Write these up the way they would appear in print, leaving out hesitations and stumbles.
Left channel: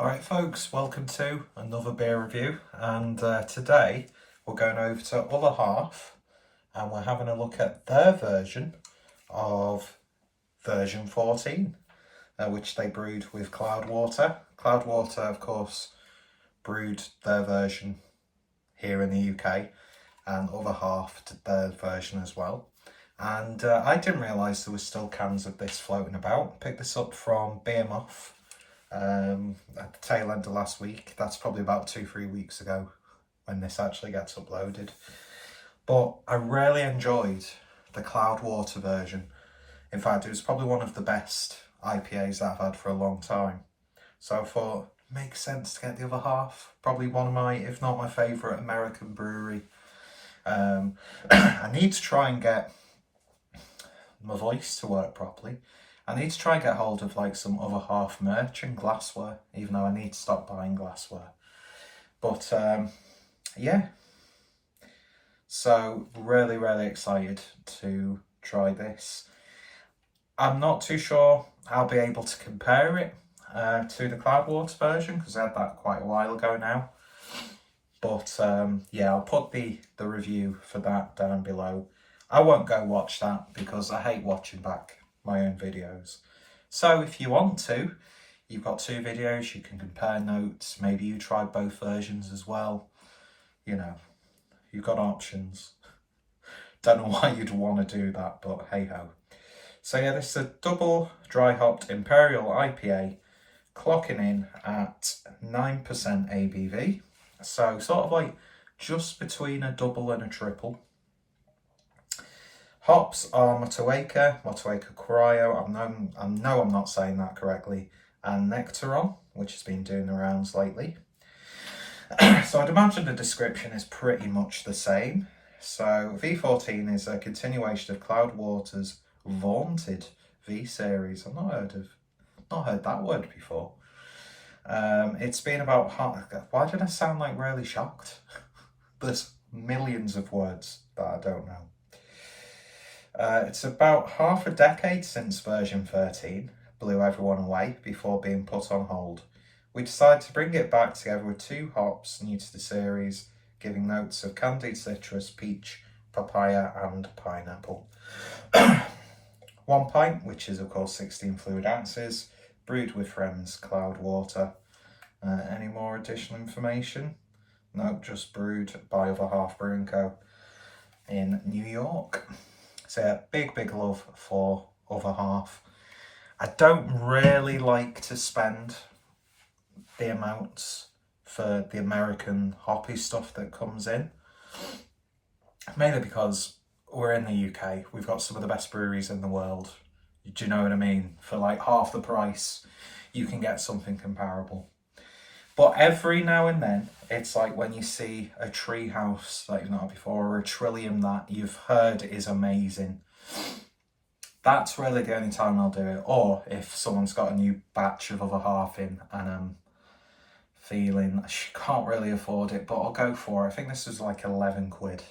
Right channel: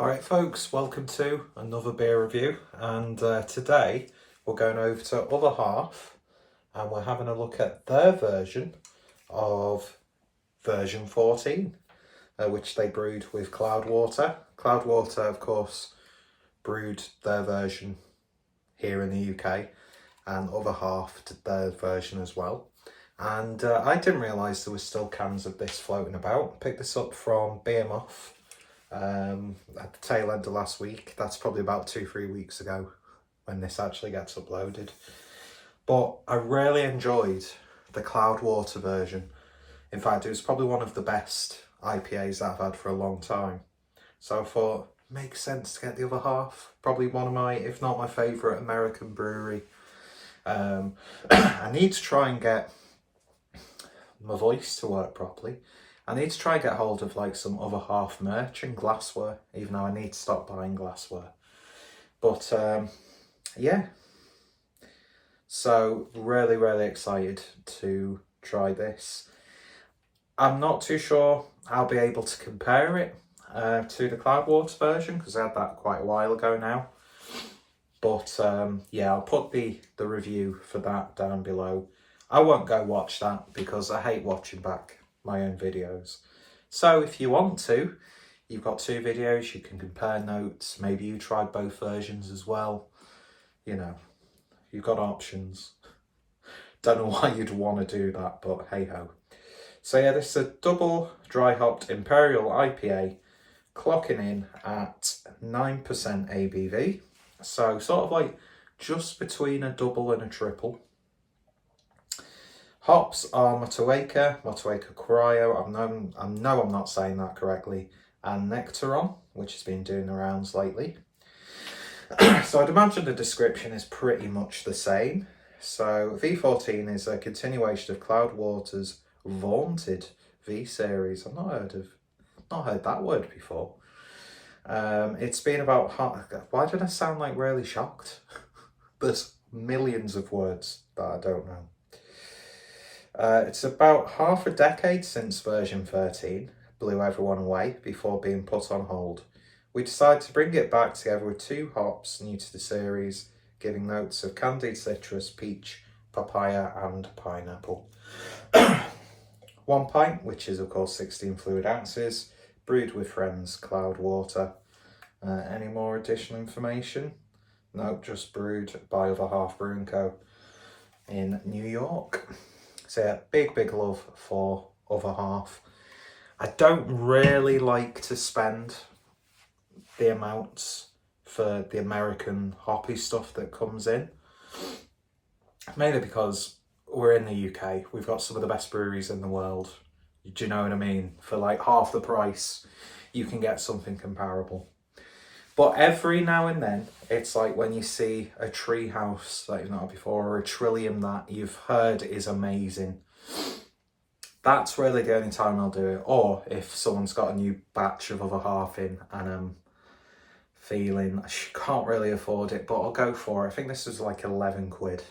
Alright folks, welcome to another beer review, and today we're going over to Other Half and we're having a look at their version of version 14, which they brewed with Cloudwater. Cloudwater, of course, brewed their version here in the UK, and Other Half did their version as well. And I didn't realise there was still cans of this floating about. Picked this up from Beermoth at the tail end of last week. That's probably about 2-3 weeks ago when this actually gets uploaded. But I really enjoyed the Cloudwater version. In fact, it was probably one of the best IPAs that I've had for a long time. So I thought, makes sense to get the Other Half. Probably one of my, if not my favourite American brewery. I need to try and get my voice to work properly. I need to try and get hold of like some Other Half merch and glassware, even though I need to stop buying glassware. But yeah, so really excited to try this. I'm not too sure I'll be able to compare it to the Cloudwater version, because I had that quite a while ago now. But yeah, I'll put the review for that down below. I won't go watch that because I hate watching back my own videos. So if you want to, you've got 2 videos, you can compare notes. Maybe you tried both versions as well. You know, you've got options. Don't know why you'd want to do that, but hey ho. So yeah, this is a double dry hopped Imperial IPA, clocking in at 9% ABV. So sort of like just between a double and a triple. Hops are Motueka Cryo, I know I'm not saying that correctly, and Nectaron, which has been doing the rounds lately. So I'd imagine the description is pretty much the same. So V14 is a continuation of Cloudwater's vaunted V series. I've not heard that word before. It's been about why did I sound like really shocked? There's millions of words that I don't know. It's about half a decade since version 13 blew everyone away before being put on hold. We decided to bring it back together with 2 hops new to the series, giving notes of candied citrus, peach, papaya and pineapple. 1 pint, which is of course 16 fluid ounces, brewed with friends, Cloudwater. Any more additional information? No, just brewed by Other Half Brewing Co. in New York. So yeah, big love for Other Half. I don't really like to spend the amounts for the American hoppy stuff that comes in. Mainly because we're in the UK. We've got some of the best breweries in the world. Do you know what I mean? For like half the price, you can get something comparable. But every now and then, it's like when you see a Treehouse that you've not had before, or a Trillium that you've heard is amazing. That's really the only time I'll do it. Or if someone's got a new batch of Other Half in and I'm feeling I can't really afford it, but I'll go for it. I think this is like 11 quid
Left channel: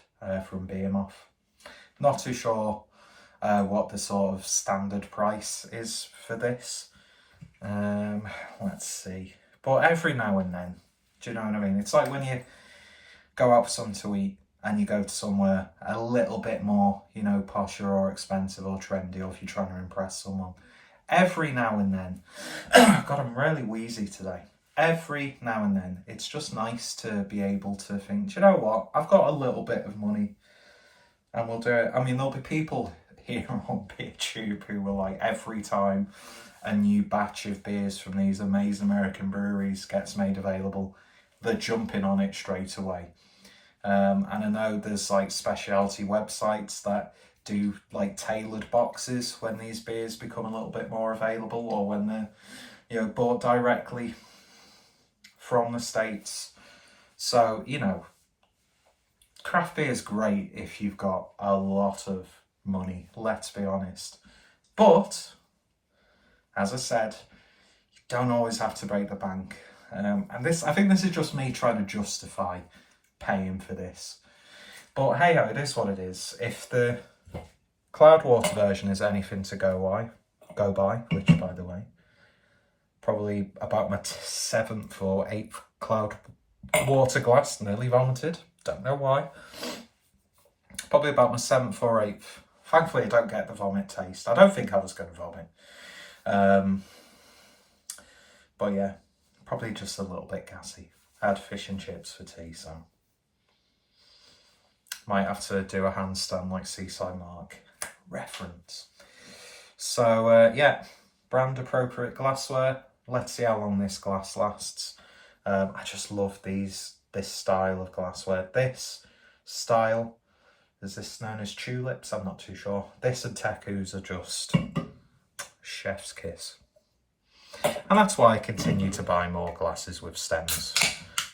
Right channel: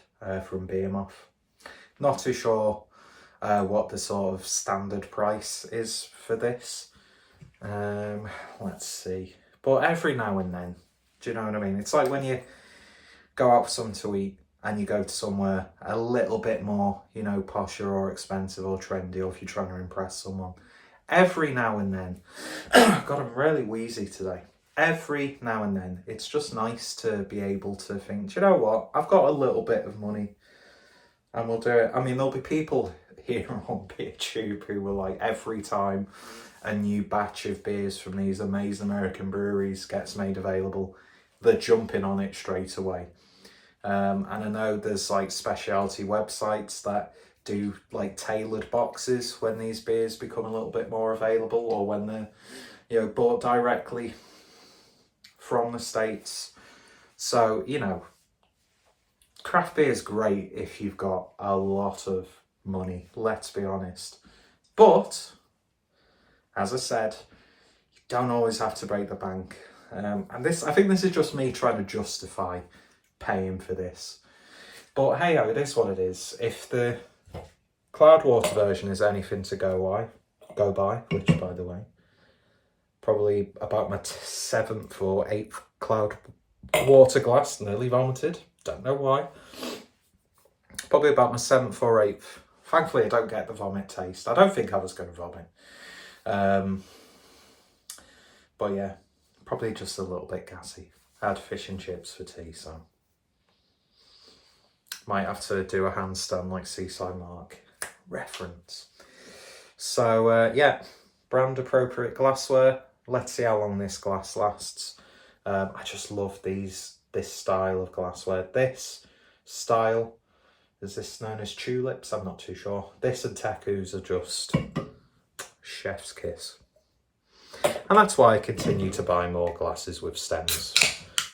from Beermoth. Not too sure what the sort of standard price is for this. Let's see. But every now and then, do you know what I mean? It's like when you go out for something to eat and you go to somewhere a little bit more, you know, posher or expensive or trendy, or if you're trying to impress someone. Every now and then, God, I'm really wheezy today. Every now and then, it's just nice to be able to think, do you know what? I've got a little bit of money and we'll do it. I mean, there'll be people here on BeerTube who will like every time a new batch of beers from these amazing American breweries gets made available, they're jumping on it straight away. And I know there's like specialty websites that do like tailored boxes when these beers become a little bit more available, or when they're, you know, bought directly from the States. So, you know, craft beer is great if you've got a lot of money, let's be honest. But as I said, you don't always have to break the bank. And I think this is just me trying to justify paying for this. But hey, it is what it is. If the Cloudwater version is anything to go by, which by the way, Probably about my 7th or 8th Cloudwater glass, nearly vomited. Don't know why. Probably about my 7th or 8th. Thankfully, I don't get the vomit taste. I don't think I was going to vomit. But yeah, probably just a little bit gassy. I had fish and chips for tea, so might have to do a handstand like Seaside Mark reference. So yeah, brand appropriate glassware. Let's see how long this glass lasts. I just love this style of glassware. This style, is this known as tulips? I'm not too sure. This and Tekus are just chef's kiss. And that's why I continue to buy more glasses with stems.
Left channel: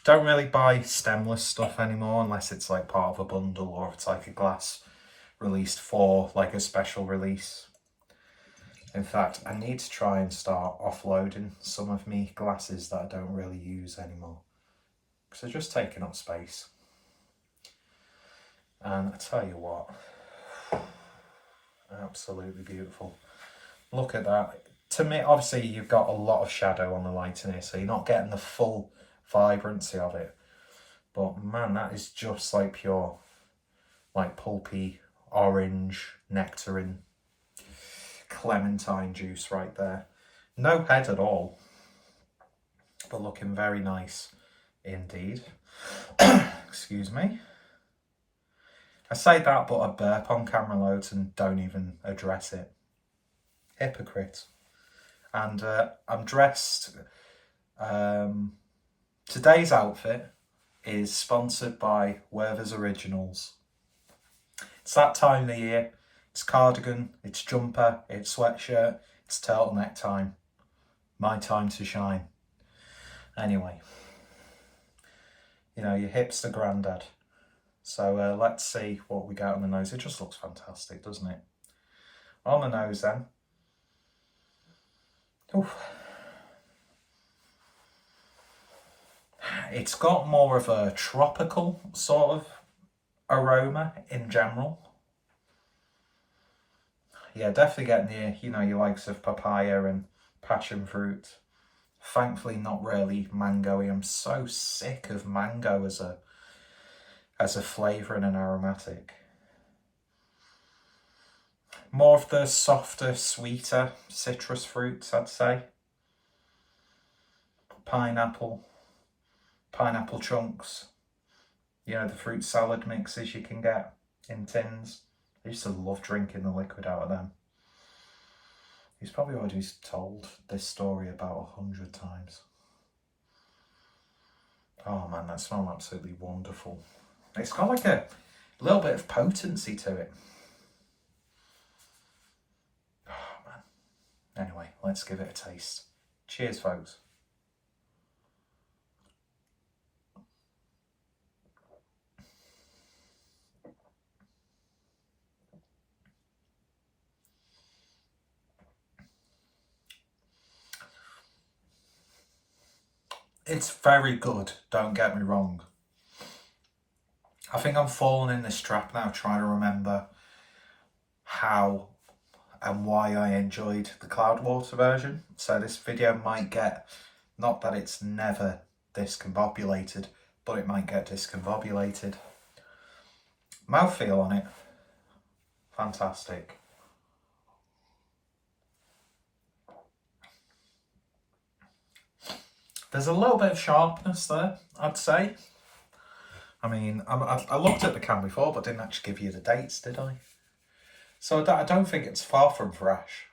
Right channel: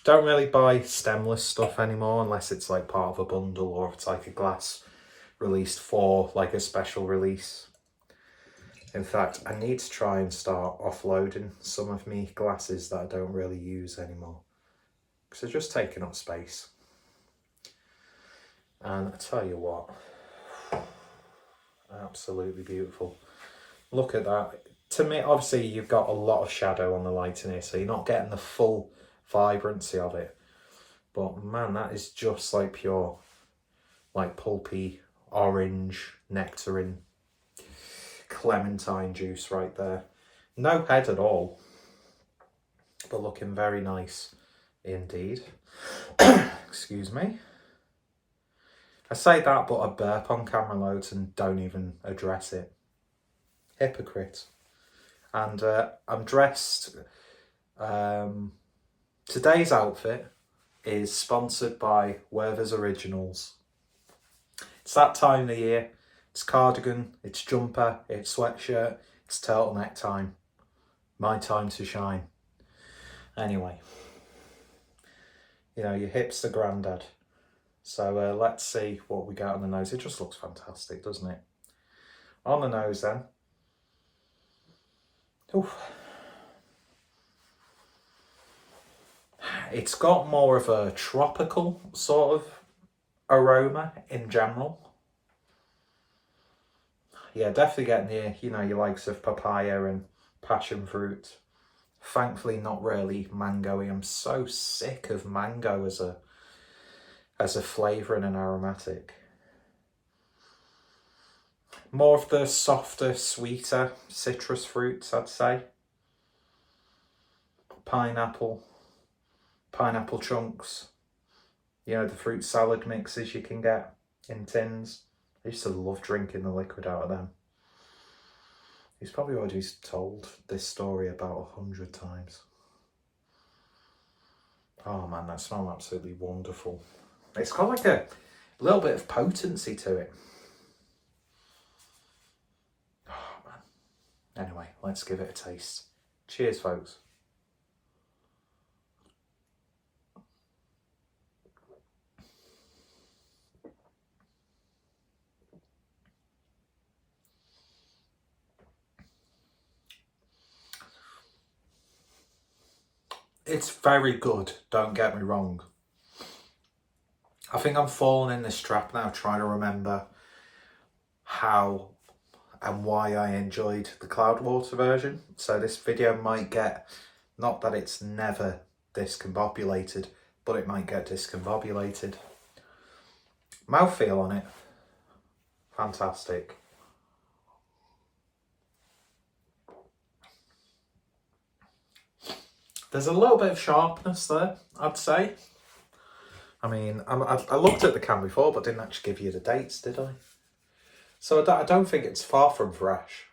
Don't really buy stemless stuff anymore unless it's like part of a bundle or if it's like a glass released for like a special release. In fact, I need to try and start offloading some of me glasses that I don't really use anymore, because they're just taking up space. And I tell you what, absolutely beautiful. Look at that. To me, obviously, you've got a lot of shadow on the light in here, so you're not getting the full vibrancy of it. But man, that is just like pure, like pulpy, orange, nectarine, clementine juice right there. No head at all, but looking very nice indeed. Excuse me. I say that, but I burp on camera loads and don't even address it. Hypocrite. And I'm dressed. Today's outfit is sponsored by Werther's Originals. It's that time of the year. It's cardigan, it's jumper, it's sweatshirt, it's turtleneck time. My time to shine. Anyway, you know, your hipster granddad. So let's see what we got on the nose. It just looks fantastic, doesn't it? On the nose then. Oof. It's got more of a tropical sort of aroma in general. Yeah, definitely getting the, you know, your likes of papaya and passion fruit. Thankfully, not really mango-y. I'm so sick of mango as a flavour and an aromatic. More of the softer, sweeter citrus fruits, I'd say. Pineapple chunks. You know, the fruit salad mixes you can get in tins. I used to love drinking the liquid out of them. He's probably already told this story about 100 times. Oh man, that smells absolutely wonderful. It's got like a little bit of potency to it. Oh man. Anyway, let's give it a taste. Cheers, folks. It's very good, don't get me wrong. I think I'm falling in this trap now, trying to remember how and why I enjoyed the Cloudwater version. So this video might get, not that it's never discombobulated, but it might get discombobulated. Mouthfeel on it, fantastic. There's a little bit of sharpness there, I'd say. I mean, I looked at the can before, but didn't actually give you the dates, did I? So I don't think it's far from fresh.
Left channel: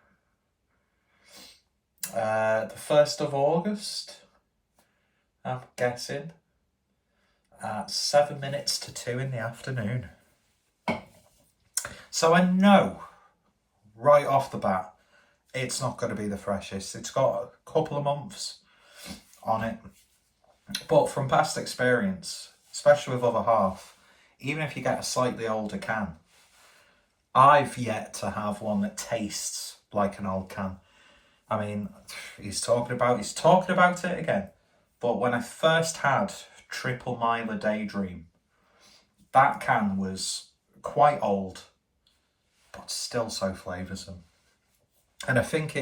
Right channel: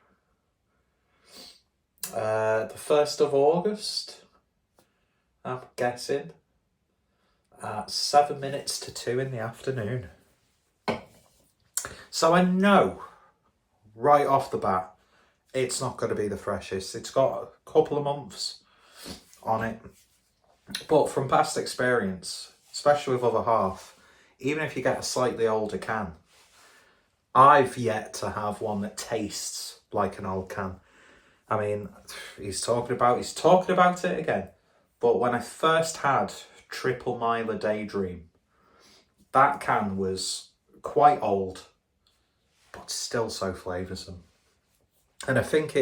The 1st of August, I'm guessing, at 7 minutes to 2 in the afternoon. So I know, right off the bat, it's not going to be the freshest. It's got a couple of months on it, but from past experience, especially with other half, even if you get a slightly older can, I've yet to have one that tastes like an old can. I mean, he's talking about it again, but when I first had Triple Miler Daydream, that can was quite old, but still so flavoursome. And I think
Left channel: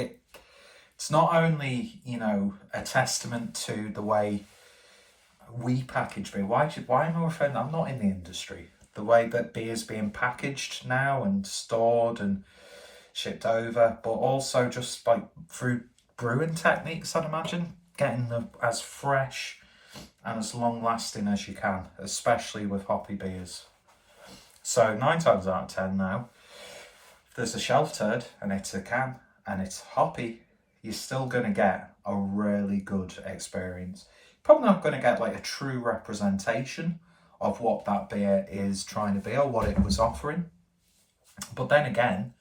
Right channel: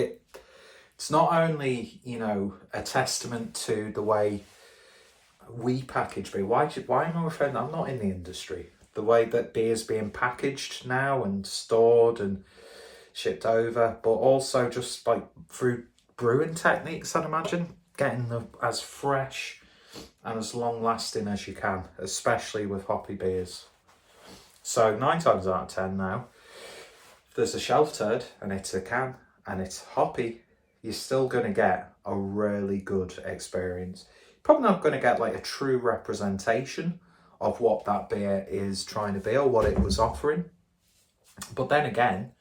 It's not only, you know, a testament to the way we package beer. Why am I referring? I'm not in the industry. The way that beer's being packaged now and stored and shipped over, but also just like through brewing techniques, I'd imagine, getting them as fresh and as long lasting as you can, especially with hoppy beers. So 9 times out of 10 now, if there's a shelf turd and it's a can and it's hoppy, you're still going to get a really good experience. Probably not going to get like a true representation of what that beer is trying to be or what it was offering. But then again,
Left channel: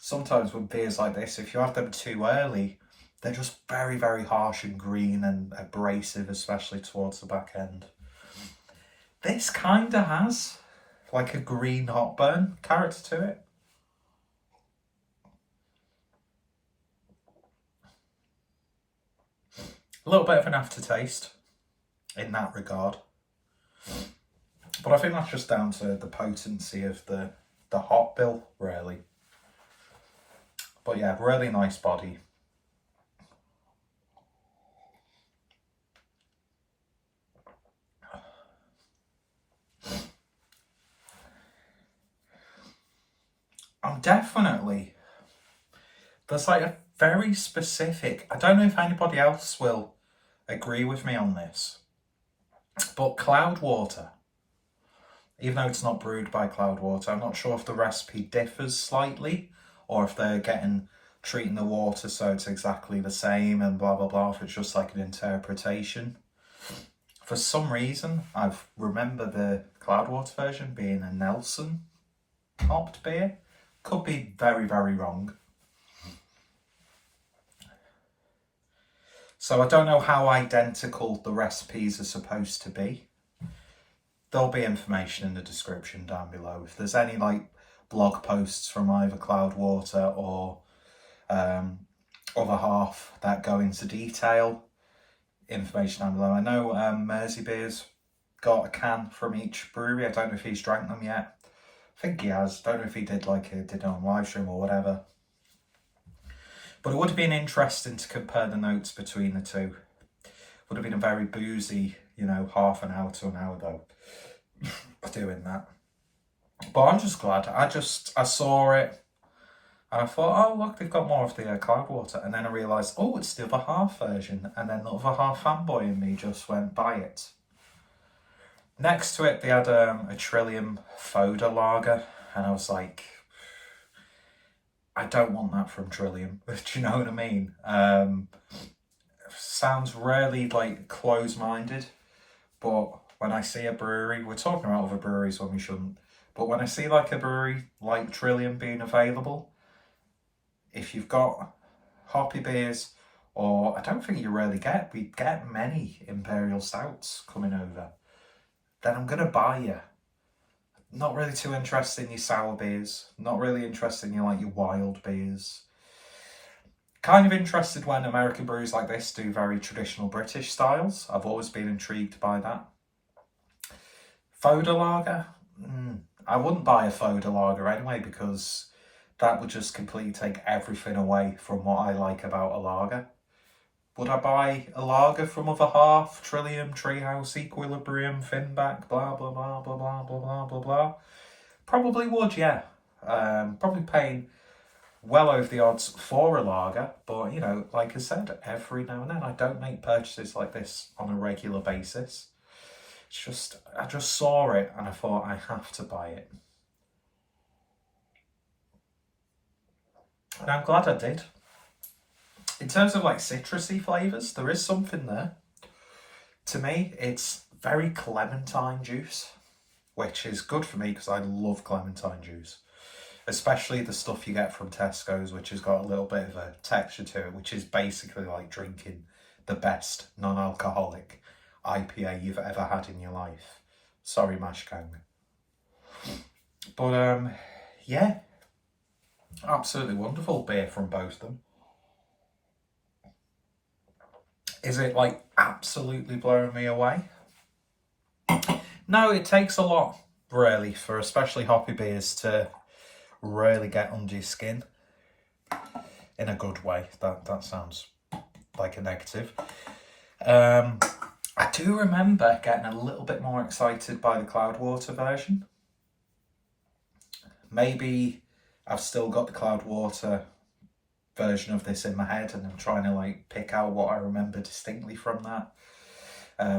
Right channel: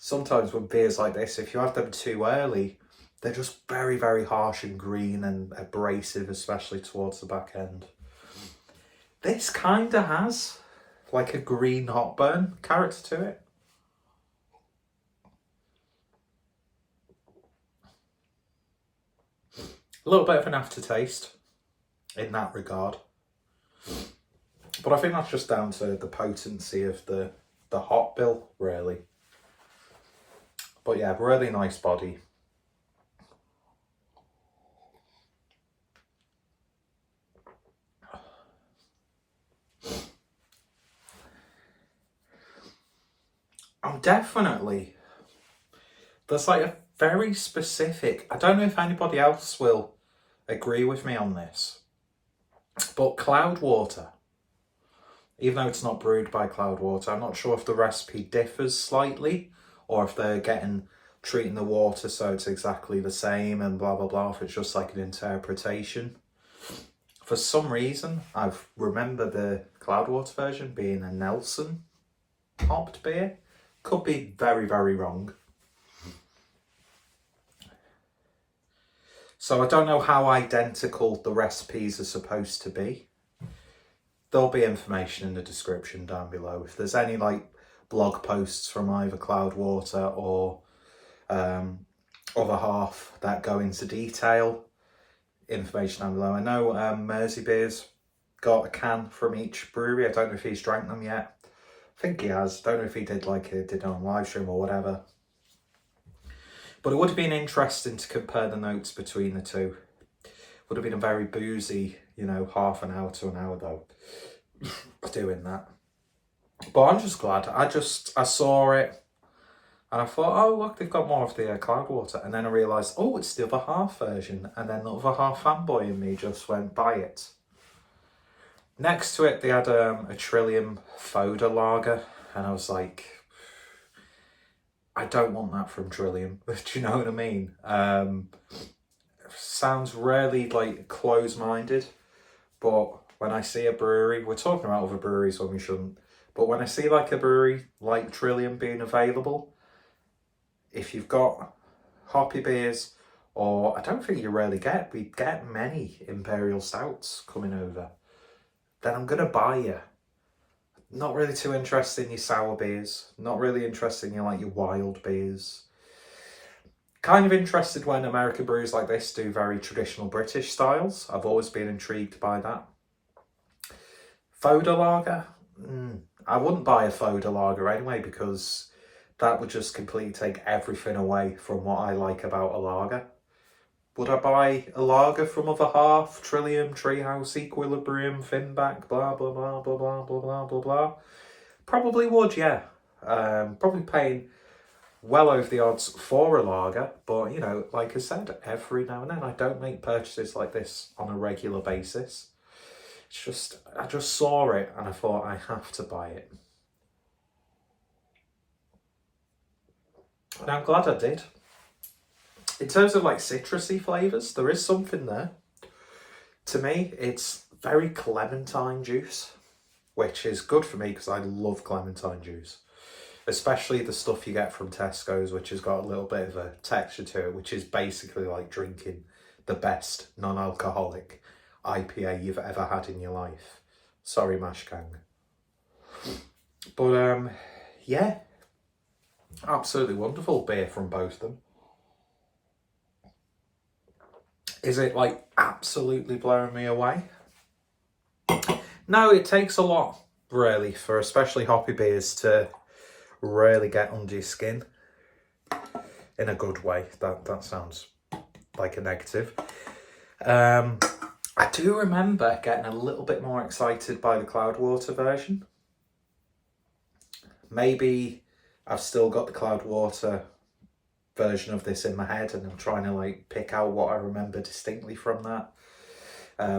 sometimes with beers like this, if you have them too early, they're just very, very harsh and green and abrasive, especially towards the back end. This kind of has like a green hot burn character to it. A little bit of an aftertaste in that regard. But I think that's just down to the potency of the hop bill, really. But yeah, really nice body. I'm definitely, there's like a very specific, I don't know if anybody else will agree with me on this, but Cloudwater, even though it's not brewed by Cloudwater, I'm not sure if the recipe differs slightly or if they're treating the water so it's exactly the same and blah, blah, blah, if it's just like an interpretation. For some reason, I remember the Cloudwater version being a Nelson hopped beer. Could be very, very wrong. So I don't know how identical the recipes are supposed to be. There'll be information in the description down below. If there's any like blog posts from either Cloudwater or other half that go into detail, information down below. I know Mersey Beer's got a can from each brewery. I don't know if he's drank them yet. I think he has. Don't know if he did did on live stream or whatever. But it would have been interesting to compare the notes between the two. Would have been a very boozy, you know, half an hour to an hour though, doing that. But I'm just glad. I saw it and I thought, oh look, they've got more of the Cloudwater. And then I realised, oh, it's the other half version. And then the other half fanboy in me just went, buy it. Next to it, they had a Trillium Foder lager. And I was like, I don't want that from Trillium. Do you know what I mean? Sounds really like close-minded. But when I see a brewery, we're talking about other breweries when we shouldn't. But when I see like a brewery like Trillium being available, if you've got hoppy beers, or I don't think we get many Imperial Stouts coming over, then I'm going to buy you. Not really too interested in your sour beers. Not really interested in your wild beers. Kind of interested when American breweries like this do very traditional British styles. I've always been intrigued by that. Foder lager? I wouldn't buy a Foder lager anyway because that would just completely take everything away from what I like about a lager. Would I buy a lager from other half? Trillium, Treehouse, Equilibrium, Finback, blah, blah, blah, blah, blah, blah, blah, blah, blah. Probably would, yeah. Probably paying well over the odds for a lager. But, you know, like I said, every now and then I don't make purchases like this on a regular basis. It's just, I just saw it and I thought I have to buy it. And I'm glad I did. In terms of citrusy flavours, there is something there. To me, it's very clementine juice, which is good for me because I love clementine juice. Especially the stuff you get from Tesco's, which has got a little bit of a texture to it, which is basically like drinking the best non-alcoholic IPA you've ever had in your life. Sorry, Mash Gang. But yeah, absolutely wonderful beer from both of them. Is it absolutely blowing me away? No, it takes a lot really for especially hoppy beers to really get under your skin. in a good way. That sounds like a negative. I do remember getting a little bit more excited by the Cloudwater version. Maybe I've still got the Cloudwater version of this in my head and I'm trying to like pick out what I remember distinctly from that,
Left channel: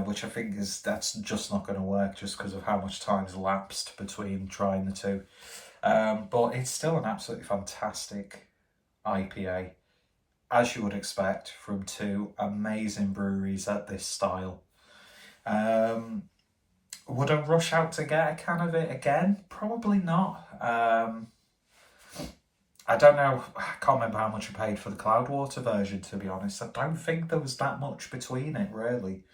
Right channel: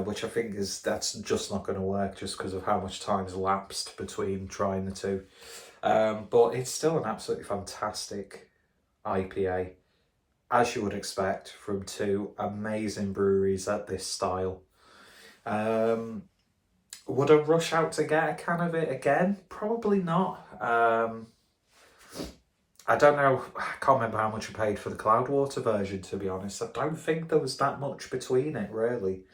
which I think that's just not going to work just because of how much time's lapsed between trying the two. But it's still an absolutely fantastic IPA, as you would expect from two amazing breweries at this style. Would I rush out to get a can of it again? Probably not. I don't know, I can't remember how much I paid for the Cloudwater version, to be honest. I don't think there was that much between it, really.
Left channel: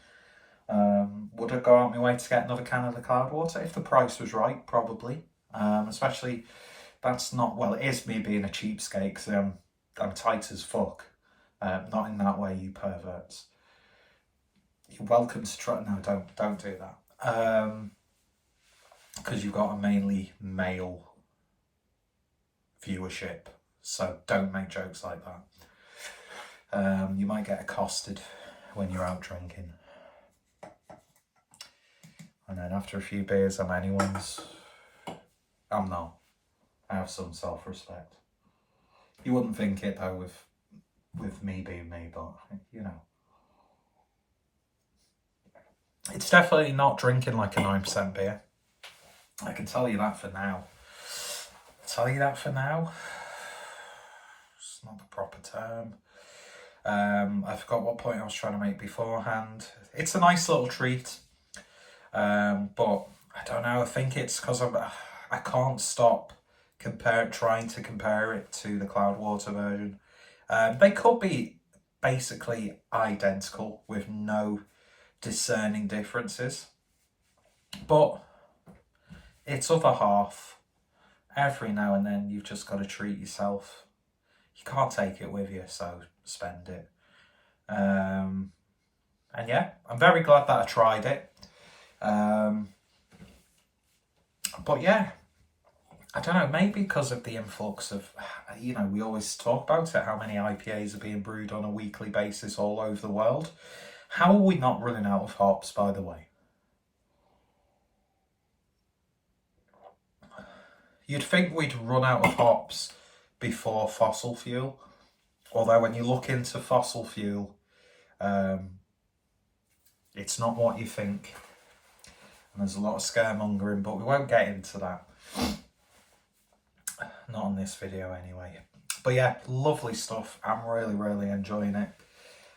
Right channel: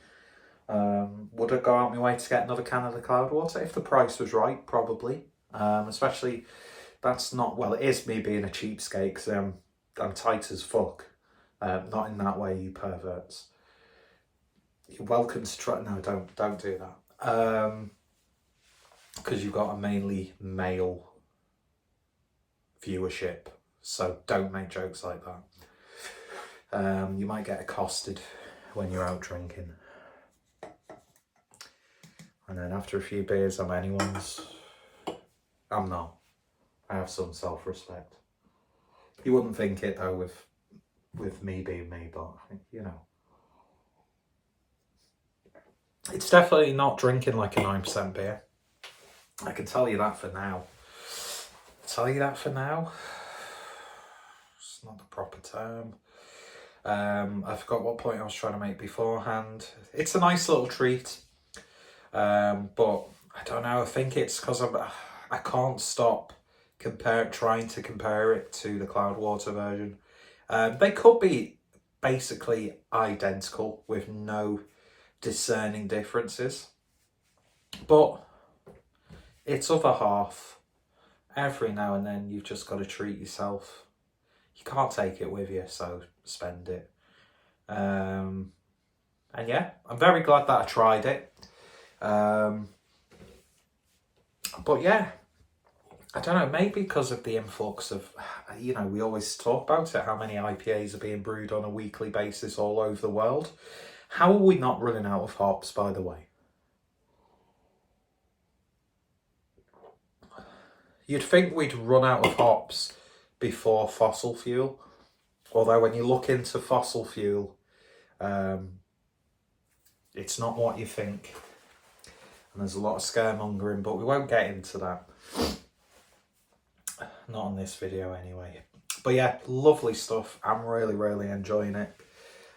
Would I go out my way to get another can of the Cloudwater? If the price was right, probably. Especially, that's not, well, it is me being a cheapskate, because I'm tight as fuck. Not in that way, you perverts. You're welcome to try. No, don't do that. Because you've got a mainly male viewership, so don't make jokes like that. You might get accosted when you're out drinking. And then after a few beers, I'm anyone's. I'm not. I have some self-respect. You wouldn't think it though with me being me, but you know. It's definitely not drinking like a 9% beer. I can tell you that for now. It's not the proper term. I forgot what point I was trying to make beforehand. It's a nice little treat. But I don't know, I think it's because I can't stop trying to compare it to the Cloudwater version. They could be basically identical with no discerning differences, but it's other half. Every now and then you've just got to treat yourself. You can't take it with you, so spend it. And yeah, I'm very glad that I tried it. But yeah, I don't know, maybe because of the influx of, you know, we always talk about it, how many IPAs are being brewed on a weekly basis all over the world. How are we not running out of hops, by the way? You'd think we'd run out of hops before fossil fuel. Although when you look into fossil fuel, it's not what you think. And there's a lot of scaremongering, but we won't get into that. Not on this video anyway. But yeah, lovely stuff. I'm really, really enjoying it.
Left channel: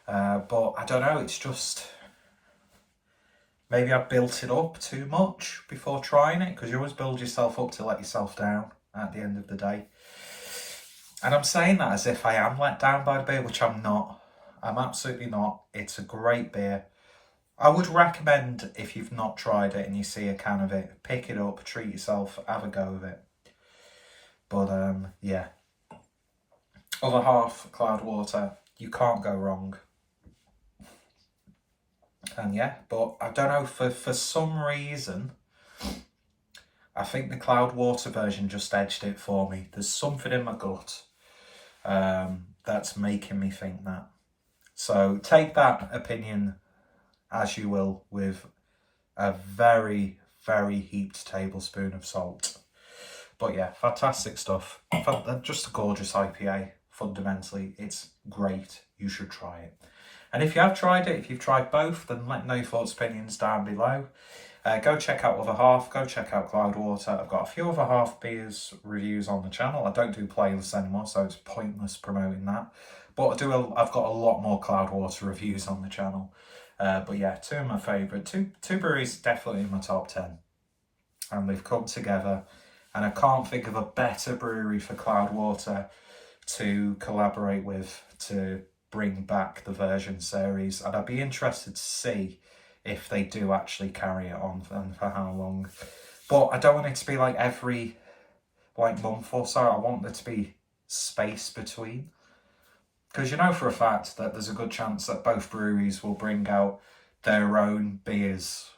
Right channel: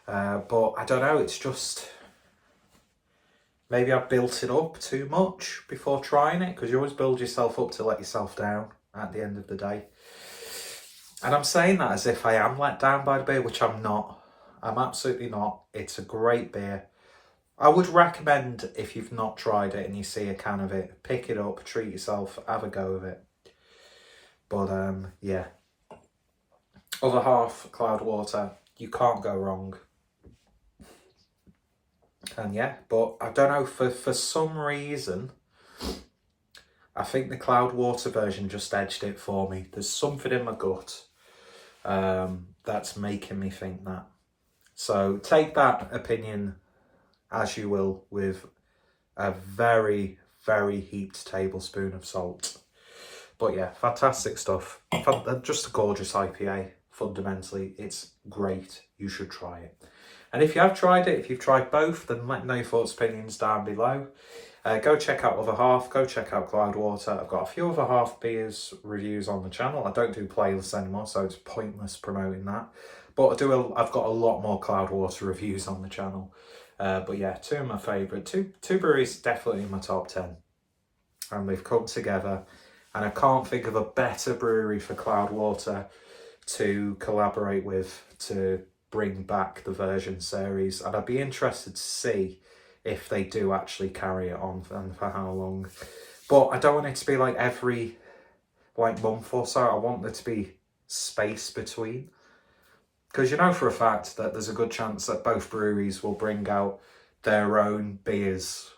But I don't know, it's just... Maybe I built it up too much before trying it, because you always build yourself up to let yourself down at the end of the day. And I'm saying that as if I am let down by the beer, which I'm not. I'm absolutely not. It's a great beer. I would recommend, if you've not tried it and you see a can of it, pick it up, treat yourself, have a go of it. But yeah. Other half, Cloudwater, you can't go wrong. And yeah, but I don't know, for some reason, I think the Cloudwater version just edged it for me. There's something in my gut that's making me think that. So take that opinion as you will, with a very, very heaped tablespoon of salt. But yeah, fantastic stuff. Just a gorgeous IPA. Fundamentally, it's great. You should try it. And if you have tried it, if you've tried both, then let me know your thoughts, opinions down below. Go check out Other Half, go check out Cloudwater. I've got a few Other Half beers reviews on the channel. I don't do playlists anymore, so it's pointless promoting that. But I've got a lot more Cloudwater reviews on the channel. But yeah, two of my favourite. Two breweries definitely in my top 10. And they've come together. And I can't think of a better brewery for Cloudwater to collaborate with to bring back the version series. And I'd be interested to see if they do actually carry it on and for how long. But I don't want it to be like every month or so. I want there to be space between. Because you know for a fact that there's a good chance that both breweries will bring out their own beers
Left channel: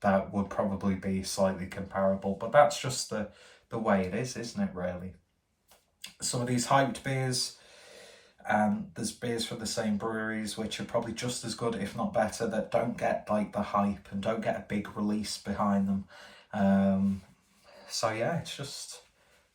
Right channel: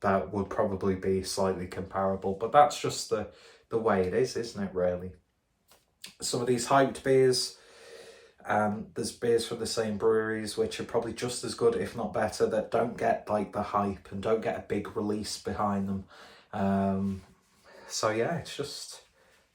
that would probably be slightly comparable. But that's just the way it is, isn't it, really? Some of these hyped beers, and there's beers from the same breweries which are probably just as good, if not better, that don't get like the hype and don't get a big release behind them. So yeah, it's just,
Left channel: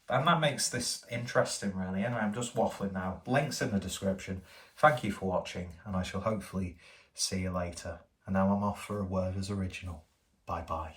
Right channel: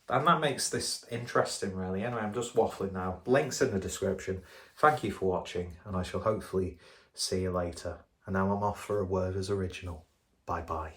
and that makes this interesting really. Anyway, I'm just waffling now. Links in the description. Thank you for watching, and I shall hopefully see you later. And now I'm off for a Worders original. Bye bye.